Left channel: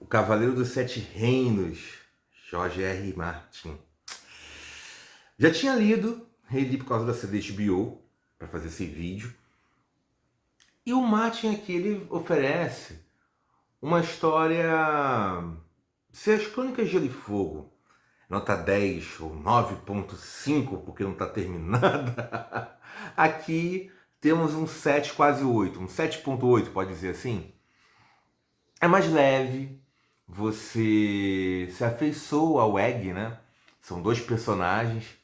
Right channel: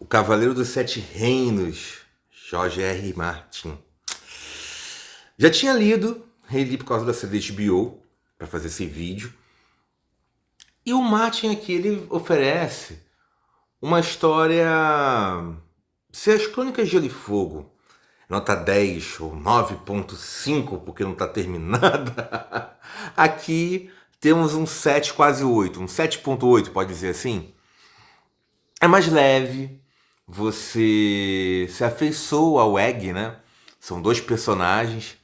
O Cavaleiro dos Sete Reinos, George R. Martin. Já tinha lido, reli por causa da série da HBO, para fazer esse vídeo. E o Martin aqui, ele oferece uma história... Se as Crônicas de Gelo e Fogo, nota 10 ou 9.5, porque não está terminada, aqui temos um 7, quase 8, um 7.8, pode dizer assim. É mais leve, você se afeiçoa ao Egg, né? São dois personagens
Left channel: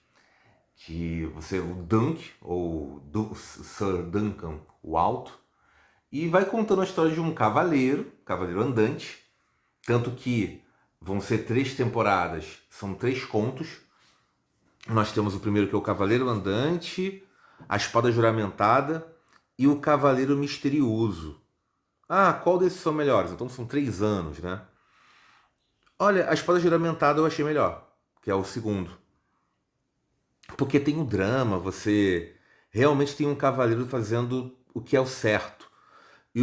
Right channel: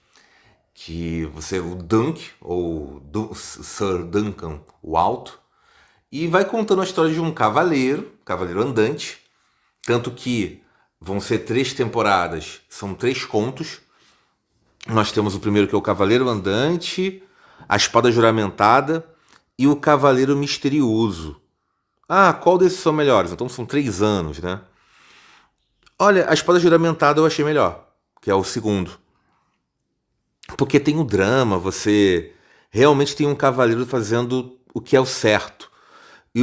que você, o Dunk, ou Sir Duncan, o Alto, e vai contando a história de um cavaleiro andante, tanto que vão ser 3 temporadas, são 3 contos. Nós temos o primeiro que é o Cavaleiro Andante, a Espada Juramentada e o Cavaleiro Misterioso. Ah, qual desses são melhores? Então são 3 anos, né? Olha, a Espada Juramentada eu achei melhor, que é o segundo. Porque tem o drama, você realmente tem um cavaleiro fazendo o que é o certo.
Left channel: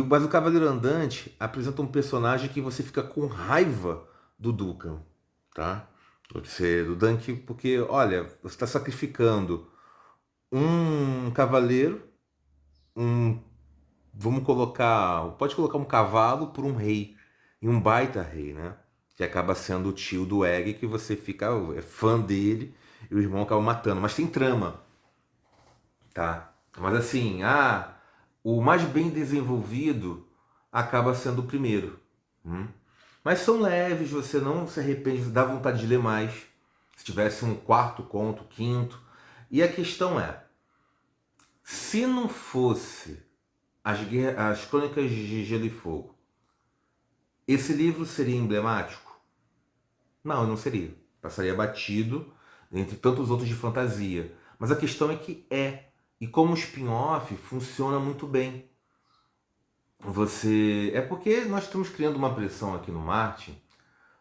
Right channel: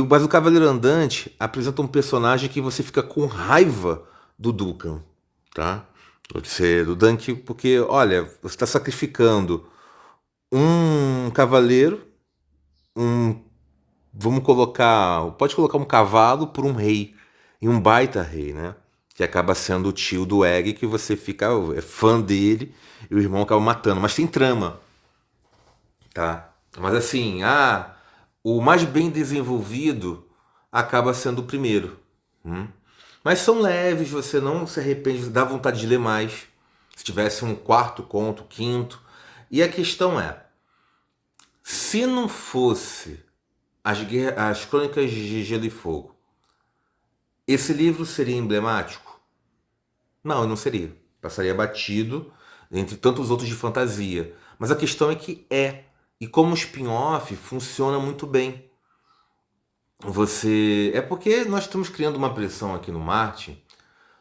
Mas o Cavaleiro Andante apresenta um personagem que você fica com raiva do Duncan, tá? Do Dunk, porque, olha, você está sacrificando um cavaleiro, um, vamos colocar, pode colocar um cavalo por um rei, e um baita rei, né? Que acaba sendo o tio do Egg, que você fica é fã dele, e o irmão acaba matando. Mas tem trama, tá? Mas assim, o mais bem desenvolvido acaba sendo o primeiro. Hum? Mas são leves, você não se arrepende, dá vontade de ler mais. Se tivesse um quarto conto, quinto. E a questão é, se não fosse as Crônicas de Gelo e Fogo, esse livro seria emblemático? Não, não seria. Passaria batido entre tantos outros de fantasia. Mas a questão é que é. E como spin-off funciona muito bem. É porque nós estamos criando uma pressão aqui no Martin,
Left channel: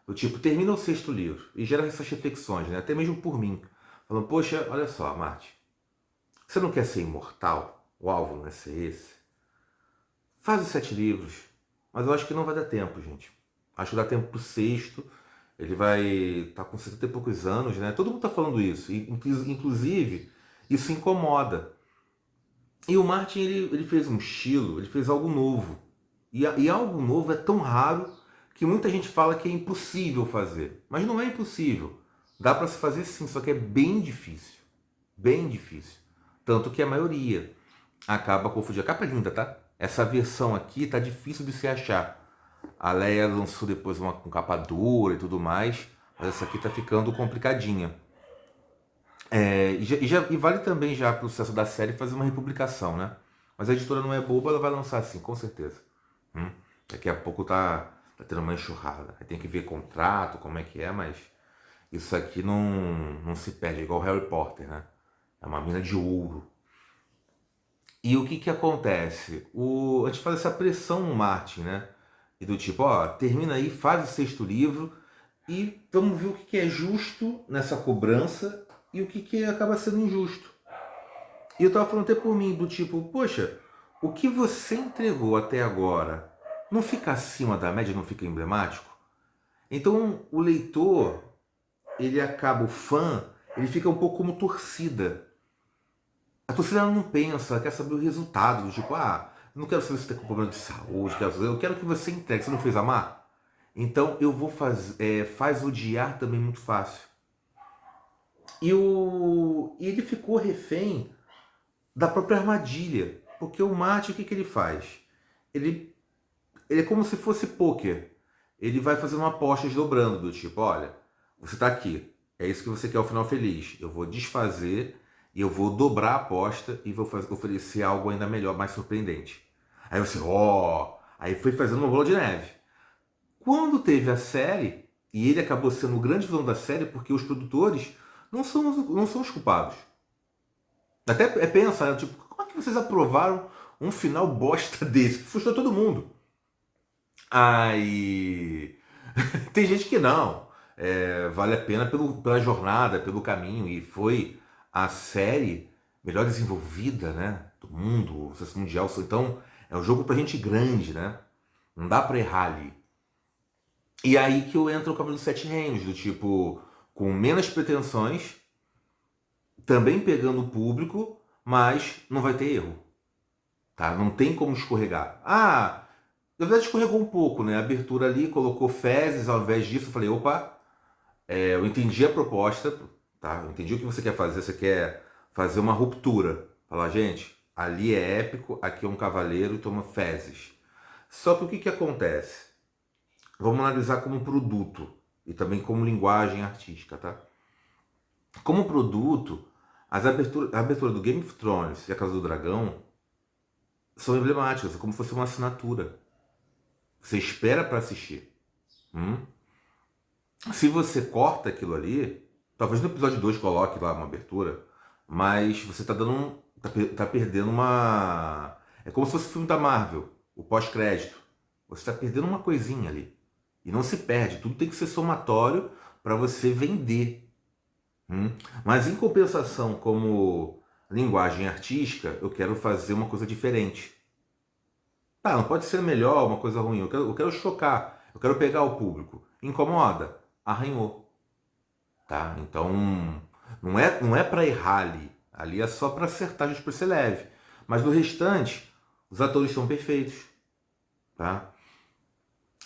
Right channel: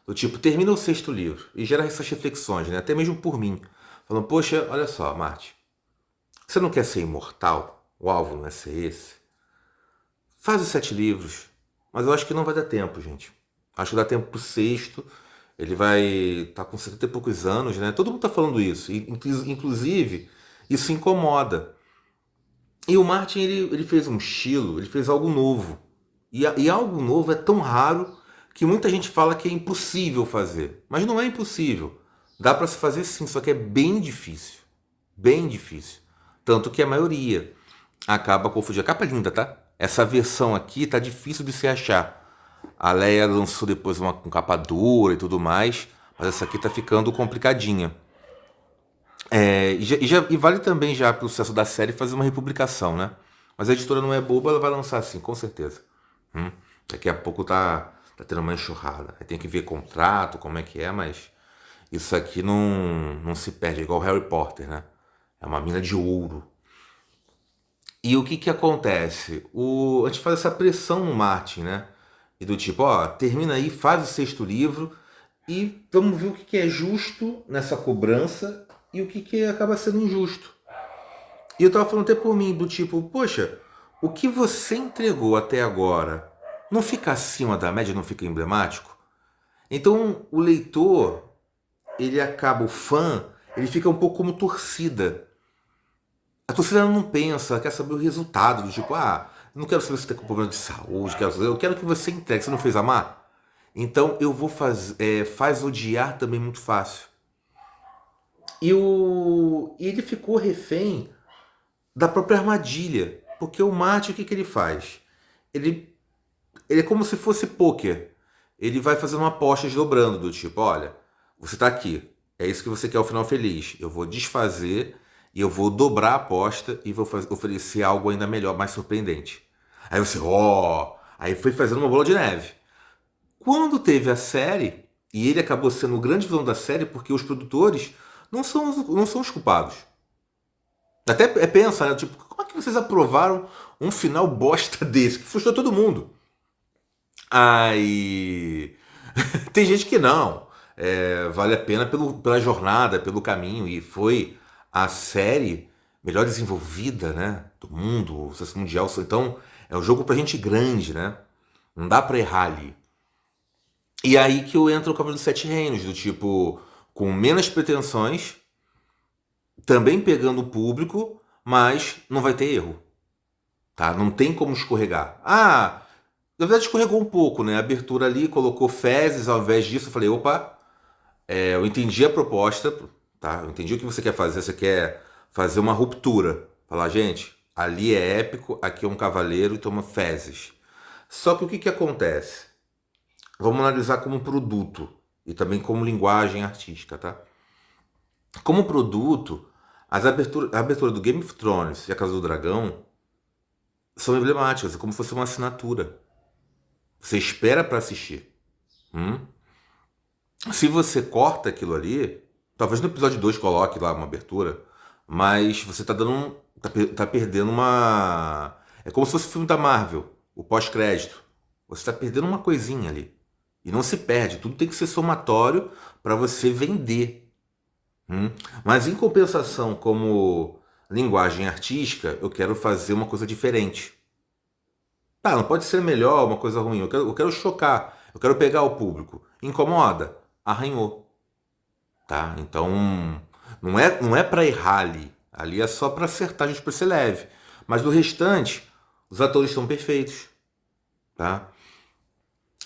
do tipo, termina o 6º livro e gera essas reflexões, né? Até mesmo por mim. Falando, poxa, olha só, Martin, você não quer ser imortal? O alvo não é ser esse? Faz os 7 livros. Mas eu acho que não vai dar tempo, gente. Acho que dá tempo pro 6º. Ele vai estar com 70 e poucos anos, né? Todo mundo tá falando isso. Inclusive, isso incomoda. E o Martin, ele fez um estilo, ele fez algo novo. E algo novo é tão raro que muita gente fala que é impossível fazer. Mas não é impossível. Dá para se fazer sim, só que é bem difícil. Bem difícil. Tanto que a maioria acaba confundindo. A capa é linda, tá? Essa versão aqui tá difícil de se achar. A Leia lançou depois uma com capa dura e tudo mais, mas essa aqui tá ficando complicadinha. E vale também já para o sucesso da série fazer uma republicação, né? Mas a editora não é boba, ela vai lançar assim, com certeza. Daqui a pouco tá tendo uma enxurrada. Aí tem que ver contrato, como é que é, mas isso aqui não se perde, é igual Harry Potter, né? É uma mina de ouro. E o que que acontece? A gente faz essa pressão no Martin, né? E do tipo, ó, termina aí, faz o 6º livro e vamos ver o que que é justo nessa cobrança e o que que acaba sendo injusto. E eu tava falando até por mim, do tipo, poxa, o que você entregou até agora não fica acima da média, não fica emblemático? Então o leitor, ele acaba, o fã, ele fica um pouco como torcida. A torcida não pensa, quer saber o resultado, do tipo, não quero saber se você tem problema de saúde, eu quero que você entregue, você não fez amar? Então eu vou fazer, faz odiar também muito fácil. E ele ficou refém da própria armadilha. Porque o Mate, o que, que ele faz? Ele, ele é como se fosse pôquer. Ele vai fazendo apostas dobrando, do tipo, olha, você está aqui, é isso que você quer, o final feliz. Eu vou desfazer e eu vou dobrar a aposta e vou oferecer algo ainda melhor, mais surpreendente. Aí você, aí foi fazendo uma bola de neve. Quando teve a série, e ele acabou sendo o grande vilão da série, porque os produtores não são os culpados. Até pensa, né? Tipo, como é que vocês aprovaram um final bosta desse? Que frustrou todo mundo. Aí. Tem gente que não. Vale a pena pela jornada, pelo caminho. E foi a série melhor desenvolvida, né? Do mundo, o sucesso mundial. Então, é um jogo pra gente grande, né? Não dá pra errar ali. E aí que eu entro no Cavaleiro dos Sete Reinos, do tipo, com menos pretensões, também pegando o público, mas não vai ter erro, tá? Não tem como escorregar. Ah, na verdade escorregou um pouco, né? A abertura ali colocou fezes ao invés disso. Eu falei, opa, eu entendi a proposta, tá? Eu entendi o que você quer fazer. Você quer fazer uma ruptura. Falar, gente, ali é épico, aqui é um cavaleiro e toma fezes. Só que o que que acontece? Vamos analisar como produto e também como linguagem artística, tá? Como produto, a abertura do Game of Thrones e a Casa do Dragão são emblemáticas, é como se fosse uma assinatura. Você espera para assistir. Hum? Se você corta aquilo ali, talvez no episódio 2 coloque lá uma abertura, mas você tá dando tá perdendo uma. É como se fosse o filme da Marvel, o pós-crédito. Você tá perdendo uma coisinha ali. E não se perde, tudo tem que ser somatório para você vender. Hum? Mas em compensação, como linguagem artística, eu quero fazer uma coisa diferente. Tá, não pode ser melhor, uma coisa ruim. Eu quero chocar. Eu quero pegar o público. Incomoda? Arranhou. Tá? Então, não é para errar ali. Ali é só para acertar, a gente para ser leve. Mas do restante, os atores são perfeitos. Tá?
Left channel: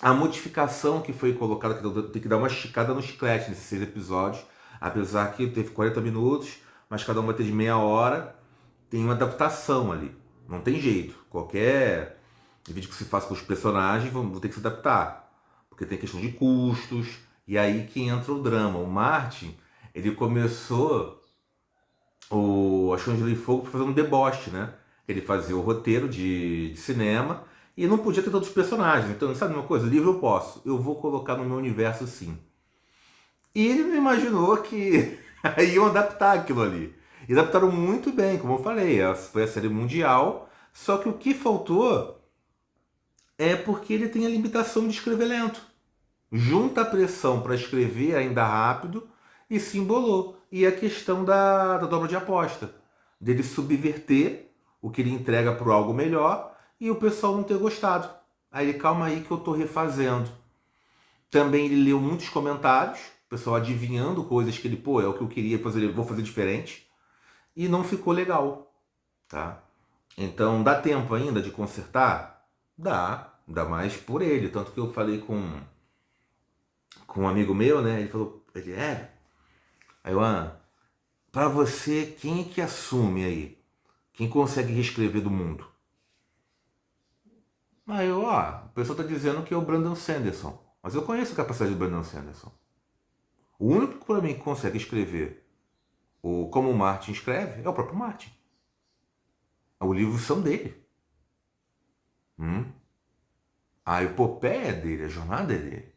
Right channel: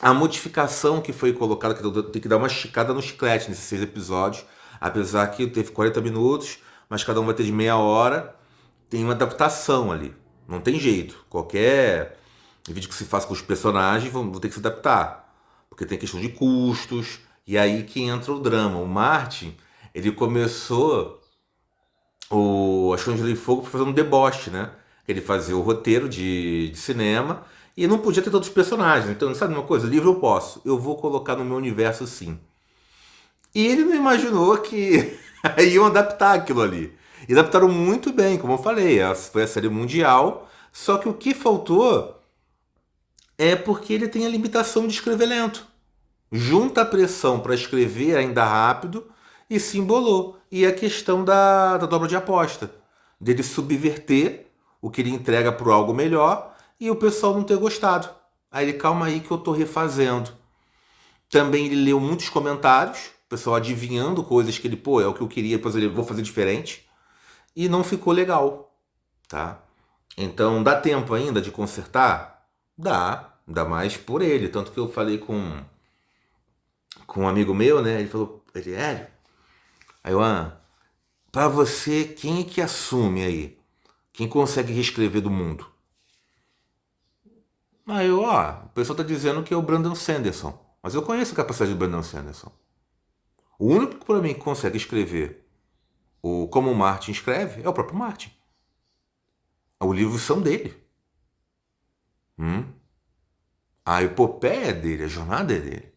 A modificação que foi colocada, que eu tenho que dar uma esticada no chiclete nesses 6 episódios. Apesar que teve 40 minutos, mas cada um vai ter de meia hora. Tem uma adaptação ali. Não tem jeito. Qualquer vídeo que se faça com os personagens vão ter que se adaptar. Porque tem questão de custos. E aí que entra o drama. O Martin, ele começou a Esconde de Fogo para fazer um deboche, né? Ele fazia o roteiro de cinema e não podia ter todos os personagens. Então, sabe uma coisa? Livro eu posso. Eu vou colocar no meu universo sim. E ele não imaginou que iam adaptar aquilo ali. E adaptaram muito bem, como eu falei. Foi a série mundial. Só que o que faltou é porque ele tem a limitação de escrever lento. Junta a pressão para escrever ainda rápido e se embolou. E a questão da dobra de aposta. Dele subverter o que ele entrega para algo melhor e o pessoal não ter gostado. Aí ele, calma aí que eu tô refazendo. Também ele leu muitos comentários, o pessoal adivinhando coisas que ele, pô, é o que eu queria, depois ele vou fazer diferente. E não ficou legal, tá? Então dá tempo ainda de consertar? Dá mais por ele. Tanto que eu falei com um amigo meu, né? Ele falou, aí eu, pra você, quem é que assume aí? Quem consegue reescrever do mundo? Aí eu, o pessoal tá dizendo que é o Brandon Sanderson. Mas eu conheço a capacidade do Brandon Sanderson. O único para mim que consegue escrever como o Martin escreve é o próprio Martin. Os livros são dele. Hum? A epopeia é dele, a jornada é dele.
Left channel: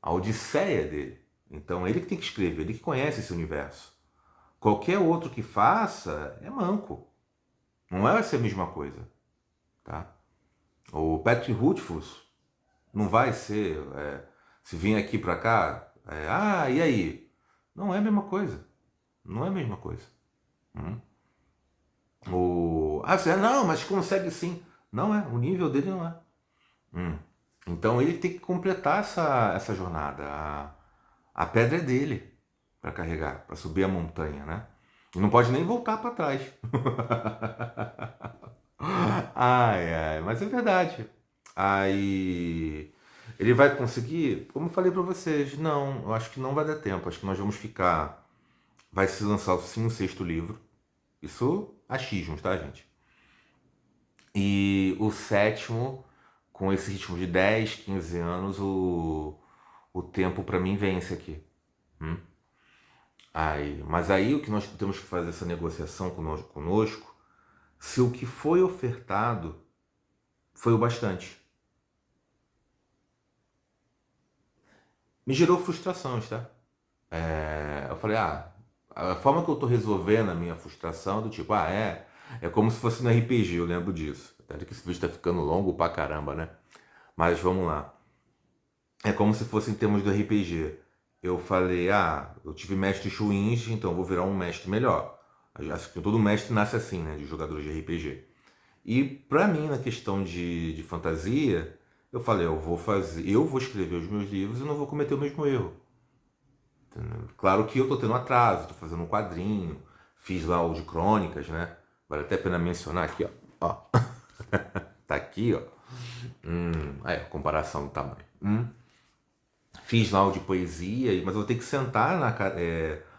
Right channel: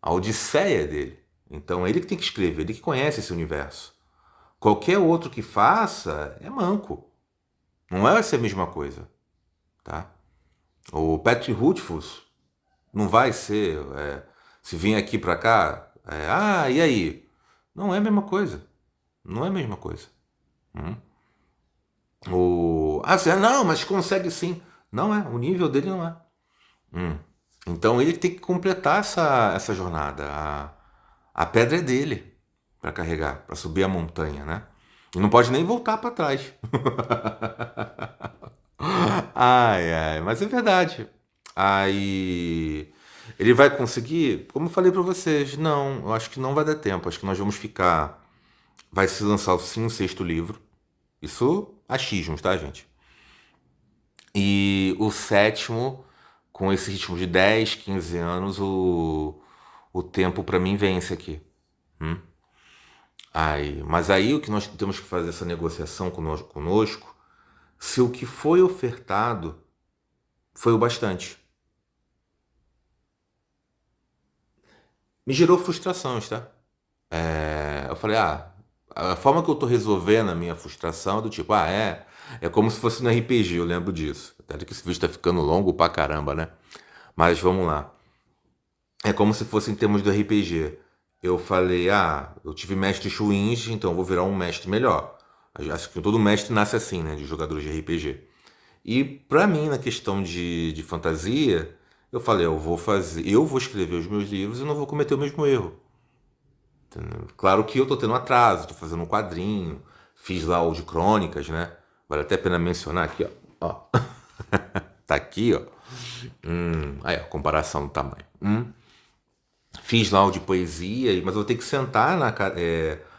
A odisseia é dele. Então é ele que tem que escrever, ele que conhece esse universo. Qualquer outro que faça é manco. Não vai ser a mesma coisa. Tá? O Patrick Rothfuss não vai ser. Se vir aqui para cá, e aí? Não é a mesma coisa. Não é a mesma coisa. Hum? Não, mas consegue sim. Não é, o nível dele não é. Hum. Então ele tem que completar essa jornada. A pedra é dele para carregar, para subir a montanha, né? E não pode nem voltar para trás. Ai, ai, mas é verdade. Aí ele vai conseguir? Como eu falei para vocês, não, eu acho que não vai dar tempo. Acho que nós vamos ficar. Vai se lançar sim o sexto livro. Isso achismos, tá, gente? E o sétimo, com esse ritmo de 10, 15 anos, o tempo para mim vence aqui. Hum? Mas aí o que nós temos que fazer essa negociação conosco, se o que foi ofertado foi o bastante. Me gerou frustrações, tá? Eu falei, a forma que eu tô resolvendo a minha frustração é do tipo, é como se fosse no RPG, eu lembro disso. Até que esse vídeo tá ficando longo pra caramba, né? Mas vamos lá. É como se fosse em termos do RPG. Eu falei, eu tive mestres ruins, então eu vou virar um mestre melhor. Acho que todo mestre nasce assim, né? De jogadores de RPG. E pra mim, na questão de fantasia, Eu falei, eu vou escrever os meus livros e não vou cometer o mesmo erro. Entendeu? Claro que eu tô tendo atraso, tô fazendo um quadrinho, fiz lá o de crônicas, né? Vale até a pena mencionar aqui, ó. Ó, tá aqui, ó. Aí, a comparação do tamanho. Fiz lá o de poesia, mas eu vou ter que sentar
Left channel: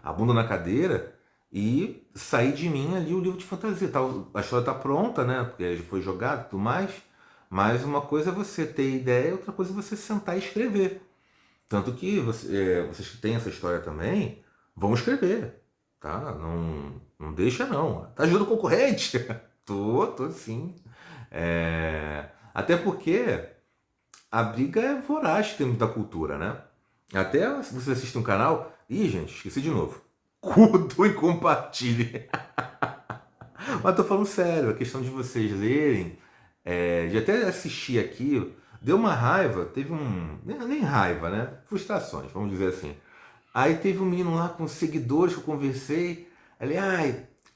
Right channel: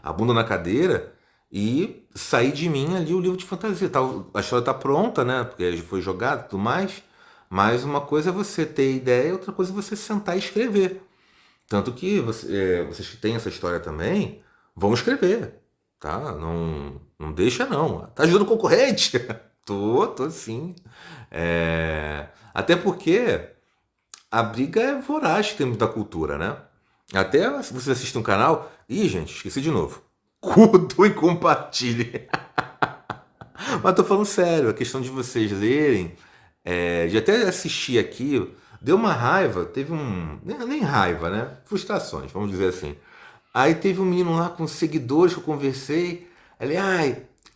a bunda na cadeira e sair de mim ali o livro de fantasia. A história tá pronta, né? Porque já foi jogado e tudo mais. Mas uma coisa é você ter ideia, outra coisa é você sentar e escrever. Tanto que vocês que têm essa história também, vão escrever, tá? Não deixa não. Tá ajudando o concorrente? Tô sim. Até porque a briga é voraz em termos da cultura, né? Até se você assiste um canal. Ih, gente, esqueci de novo. Curtam e compartilhem. Mas tô falando sério, a questão de vocês lerem, de até assistir aqui, deu uma raiva, teve um. Nem raiva, né? Frustrações, vamos dizer assim. Aí teve um menino lá com seguidores que eu conversei. Ele,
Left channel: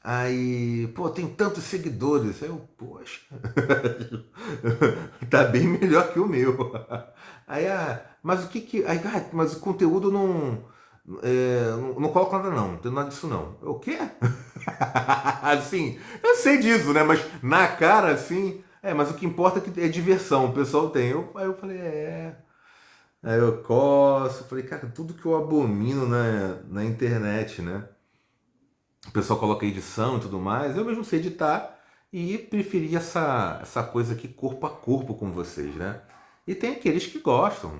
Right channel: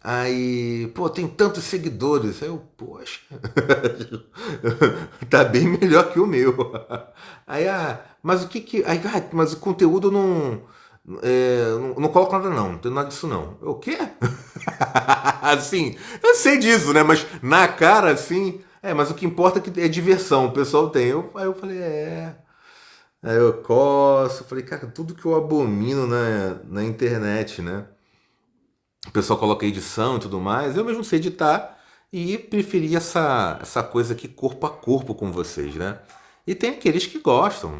aí, pô, tem tantos seguidores. Aí eu, poxa, tá bem melhor que o meu. Aí, mas o que que. Aí, mas o conteúdo não. Não coloco nada não, não tem nada disso não. Eu, o quê? Assim, eu sei disso, né? Mas na cara, assim. Mas o que importa é que é diversão, o pessoal tem. Aí eu falei, é. Aí eu coço, falei, cara, tudo que eu abomino na internet, né? O pessoal coloca edição e tudo mais, eu mesmo sei editar e preferi essa coisa aqui corpo a corpo com vocês, né? E tem aqueles que gostam,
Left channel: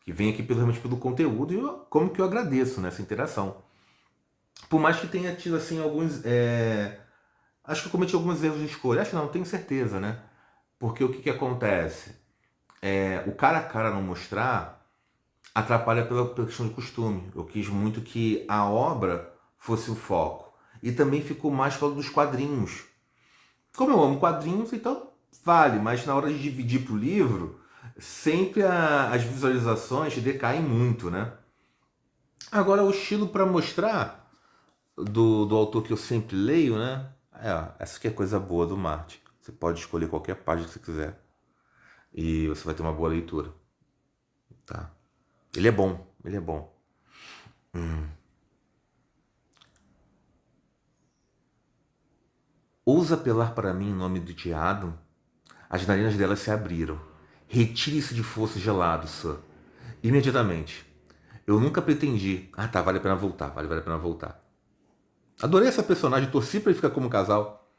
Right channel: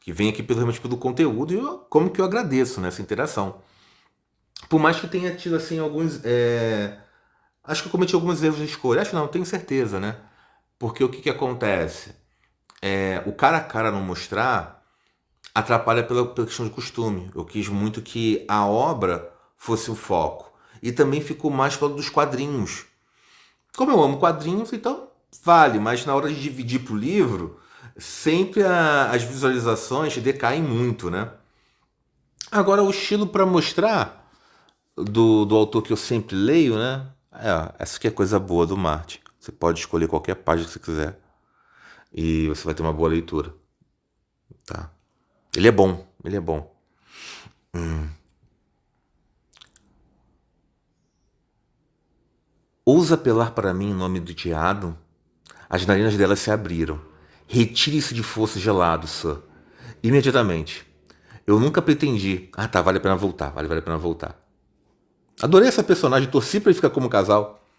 que vêm aqui realmente pelo conteúdo e como que eu agradeço nessa interação. Por mais que tenha tido assim alguns. Acho que eu cometi alguns erros de escolha. Acho não, tenho certeza, né? Porque o que que acontece? O cara a cara não mostrar atrapalha pela questão de costume. Eu quis muito que a obra fosse o foco. E também ficou mais para dos quadrinhos. Como eu amo quadrinhos, então vale, mas na hora de dividir para o livro, sempre as visualizações decaem muito, né? Agora, o estilo para mostrar do autor que eu sempre leio, né? Essa aqui é coisa boa do Martin. Você pode escolher qualquer página que você quiser e você vai ter uma boa leitura, tá? Ele é bom, ele é bom. Ousa apelar para mim em nome do Tiado? As narinas dela se abriram. Retire-se de fosso gelado, Sir. Imediatamente. Eu nunca pretendi. Tá, vale a pena voltar, vale a pena voltar. Adorei essa personagem, torci pra ele ficar como casal.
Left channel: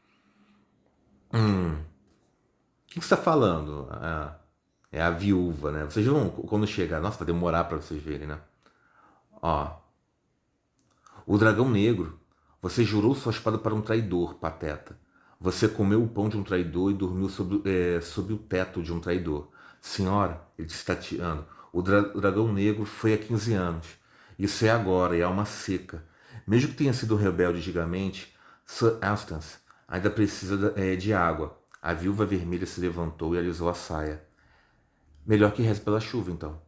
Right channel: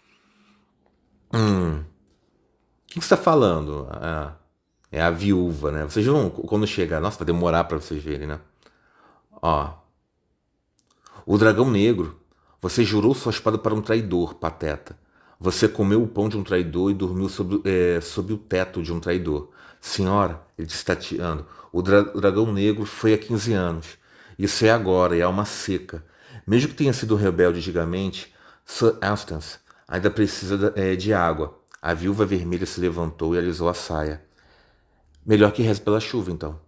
O que você tá falando? É a viúva, né? Vocês vão, quando chegar. Nossa, vai demorar pra vocês verem, né? Ó. O dragão negro. Você jurou sua espada para um traidor, pateta. Você comeu o pão de um traidor e dormiu sob o teto de um traidor. Senhora, ele disse tateando, o dragão negro foi há 15 anos. Isso é agora, e há uma seca. Mesmo que tenha sido rebelde antigamente, Sir Astance ainda precisa de água. A viúva vermelha se levantou e alisou a saia. Melhor que reze pela chuva, então.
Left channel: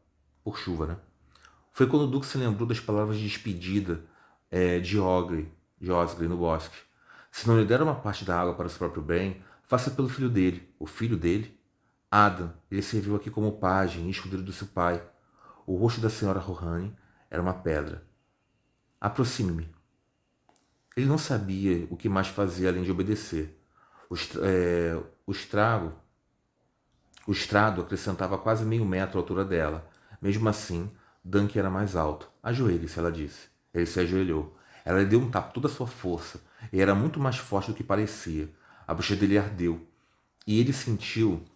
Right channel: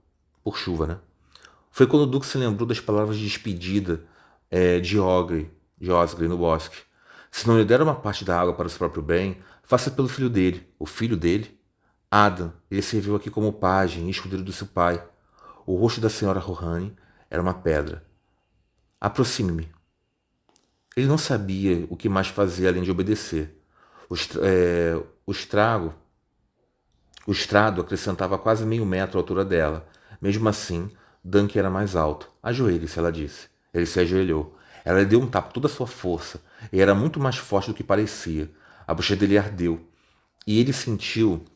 Por chuva, né? Foi quando o Duque se lembrou das palavras de despedida de Osgry no bosque. Se não lhe der uma parte da água para o seu próprio bem, faça pelo filho dele. O filho dele? Adam, ele serviu aqui como pajem e escudeiro do seu pai. O rosto da senhora Rohane era uma pedra. Aproxime-me. Ele não sabia o que mais fazer além de obedecer. O estrago, o estrado acrescentava quase meio metro à altura dela. Mesmo assim, Dunk era mais alto. Ajoelhe-se, ela disse. Ele se ajoelhou. Ela lhe deu um tapa com toda a sua força, e era muito mais forte do que parecia. A bochecha dele ardeu, e ele sentiu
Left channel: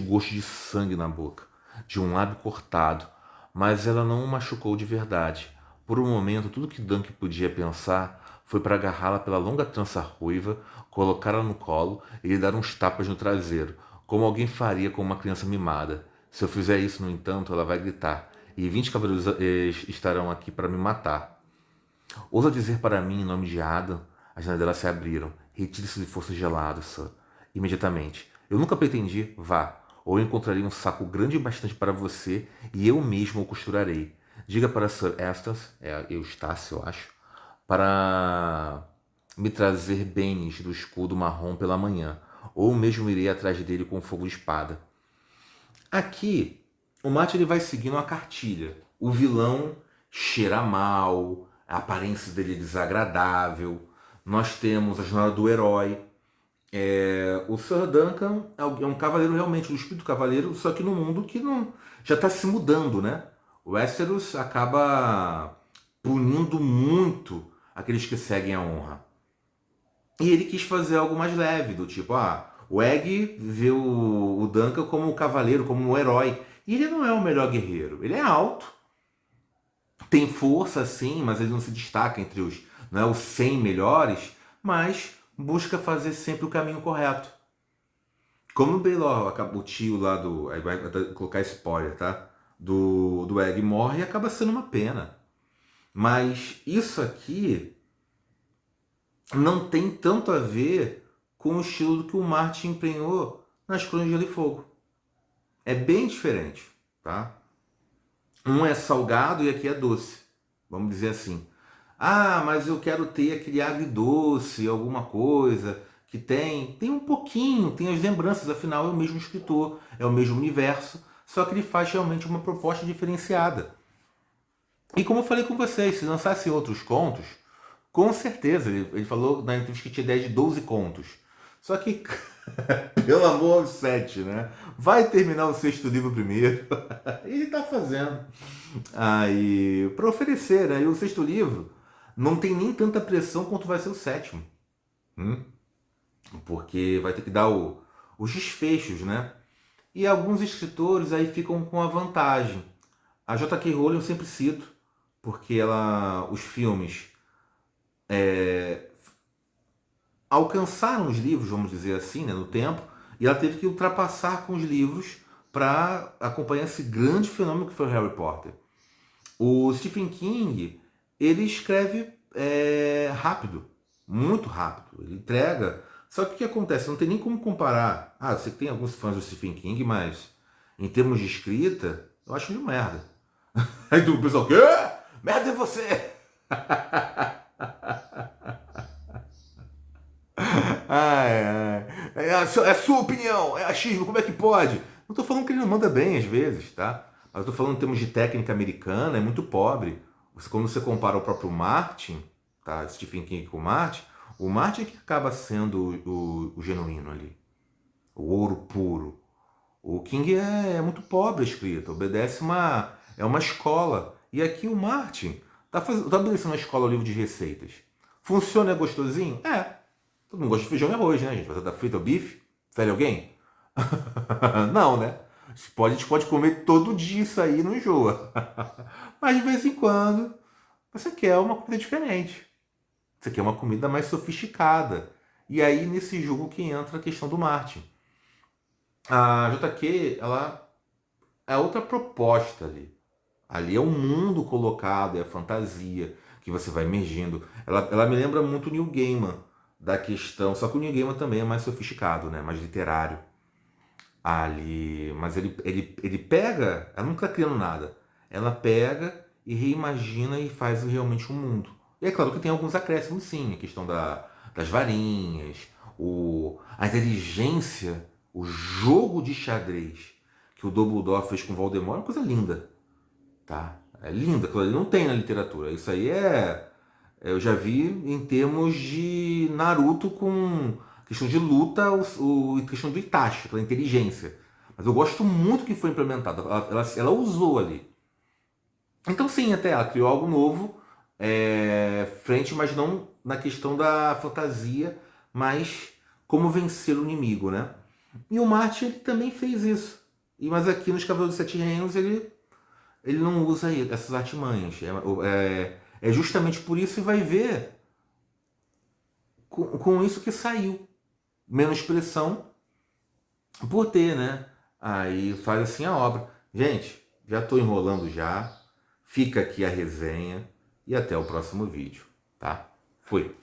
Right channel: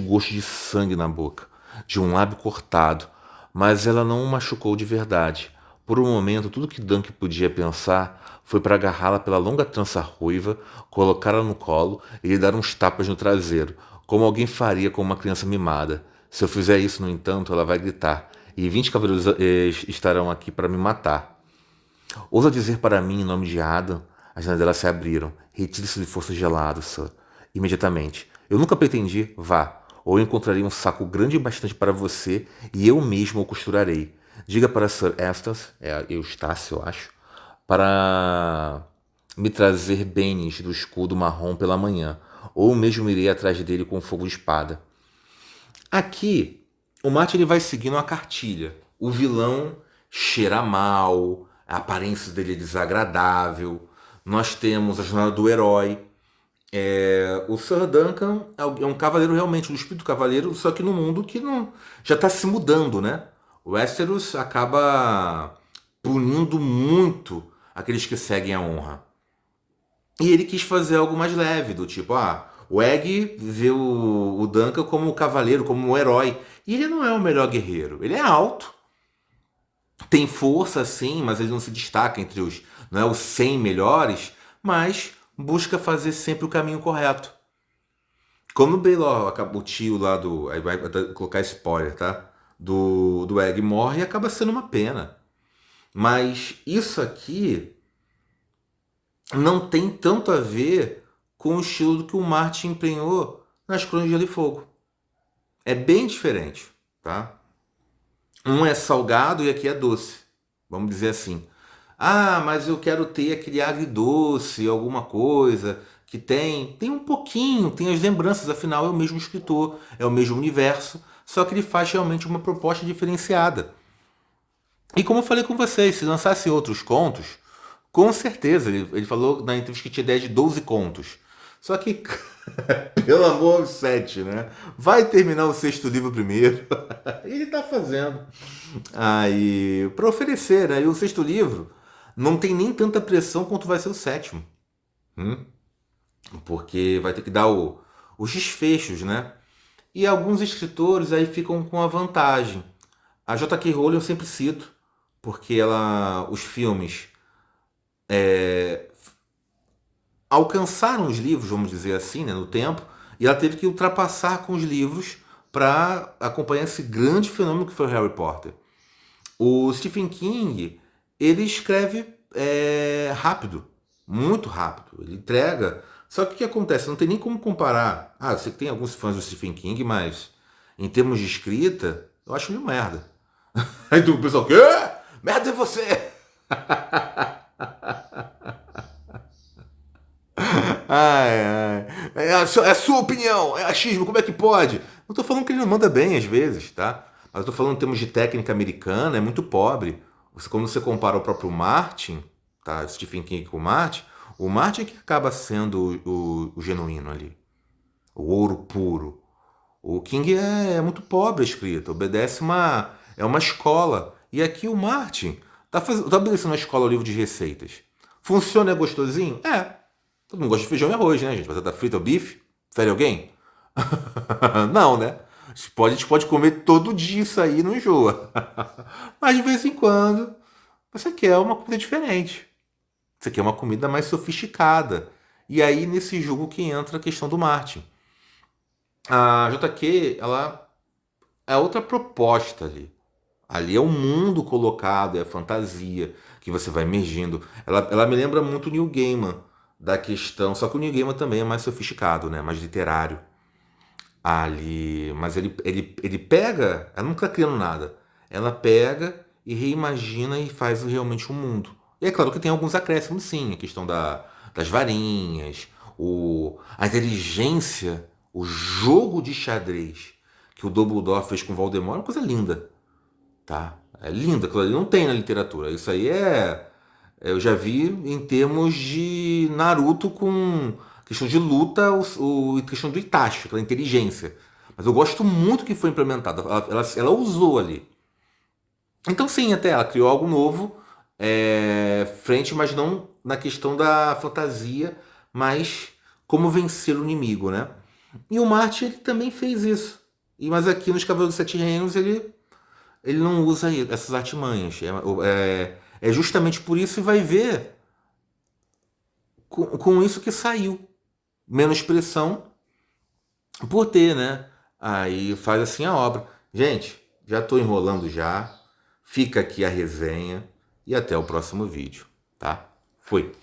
gosto de sangue na boca, de um lábio cortado, mas ela não o machucou de verdade. Por um momento, tudo que Dunk podia pensar foi para agarrá-la pela longa trança ruiva, colocá-la no colo e lhe dar uns tapas no traseiro, como alguém faria com uma criança mimada. Se eu fizer isso, no entanto, ela vai gritar, e 20 cavaleiros estarão aqui para me matar. Ousa dizer para mim, em nome de Adam, as janelas dela se abriram. Retire-se de força gelado, Sir. Imediatamente. Eu nunca pretendi, vá. Ou eu encontrarei um saco grande bastante para você e eu mesmo o costurarei. Diga para Sir Eustace, Eustácio, eu acho, para me trazer bens do escudo marrom pela manhã, ou mesmo irei atrás dele com fogo de espada. Aqui, o Martin ele vai seguindo uma cartilha. O vilão cheira mal, a aparência dele é desagradável. Nós temos a jornada do herói. O Sir Duncan é um cavaleiro realmente, um espírito cavaleiro, só que no mundo que não, já está se mudando, né? O Westeros acaba punindo muito aqueles que seguem a honra. E ele quis fazer algo mais leve, do tipo, o Egg vê o Duncan como o cavaleiro, como o herói. E ele não é o melhor guerreiro. Ele é alto, tem força sim, mas ele não se destaca entre os, não é os 100 melhores, mas busca fazer sempre o caminho correto. Como o Baelor, o tio lá do, aí vai colocar spoiler, tá? Do Egg morre, acaba sendo uma pena. Mas isso aqui não tem tanto a ver com o estilo que o Martin empenhou nas Crônicas de Gelo e Fogo. É bem diferente, tá? Um é salgado e aqui é doce, vamos dizer assim. Mas eu quero ter aquele agridoce, alguma coisa que tem um pouquinho, tem as lembranças, afinal é o mesmo escritor, é o mesmo universo, só que ele faz realmente uma proposta diferenciada. E como eu falei com vocês, se lançasse outros contos, com certeza, ele falou na entrevista que tinha ideia de 12 contos. Só que, pelo amor aos 7, né? Vai terminar o sexto livro primeiro. Ele tá fazendo. Aí, para oferecer, aí o sexto livro não tem nem tanta pressão quanto vai ser o sétimo. Porque vai ter que dar os desfechos, né? E alguns escritores aí ficam com a vantagem. A J.K. Rowling eu sempre cito, porque os filmes alcançaram os livros, vamos dizer assim, né, no tempo, e ela teve que ultrapassar com os livros para acompanhar esse grande fenômeno que foi o Harry Potter. O Stephen King, ele escreve rápido, muito rápido, ele entrega. Só que o que acontece? Não tem nem como comparar. Eu sei que tem alguns fãs do Stephen King, mas em termos de escrita, eu acho ele um merda. Aí o pessoal, quê? Merda é você! É a sua opinião, é achismo, como é que pode? Não tô falando que ele não manda bem às vezes, tá? Mas eu tô falando em termos de técnica americana, é muito pobre. Quando você compara o próprio Martin, tá? Stephen King com o Martin é que acaba sendo o genuíno ali. O ouro puro. O King é muito pobre a escrita, obedece é uma escola. E aqui o Martin tá obedecendo uma escola, o livro de receitas. Funciona, é gostosinho? É. Todo mundo gosta de feijão e arroz, né, gente? Batata frita ou bife? Fere alguém? Não, né? A gente pode comer todo dia isso aí e não enjoa. Mas de vez em quando você quer uma comida diferente. Você quer uma comida mais sofisticada. E aí nesse jogo que entra a questão do Martin. A JQ, ela é outra proposta ali. Ali é o mundo colocado, é a fantasia que você vai emergindo. Ela me lembra muito o Neil Gaiman, da questão. Só que o Neil Gaiman também é mais sofisticado, né? Mais literário. Ali. Mas ele pega. Ela não está criando nada. Ela pega e reimagina e faz realmente um mundo. E é claro que tem alguns acréscimos, sim. A questão das varinhas, a inteligência, o jogo de xadrez que o Dumbledore fez com o Voldemort é uma coisa linda, tá? É linda, aquilo ali não tem na literatura. Isso aí eu já vi em termos de Naruto com questão de luta, questão do Itachi, aquela inteligência. Mas eu gosto muito que foi implementado. Ela usou ali. Então sim, até ela criou algo novo, frente, mas não na questão da fantasia, mas como vencer o inimigo, né? E o Martin ele também fez isso. Mas aqui nos Cavaleiros dos Sete Reinos ele não usa essas artimanhas. É justamente por isso que vai ver com isso que saiu. Menos pressão por ter, né? Aí faz assim a obra. Gente, já estou enrolando já. Fica aqui a resenha e até o próximo vídeo, tá? Fui!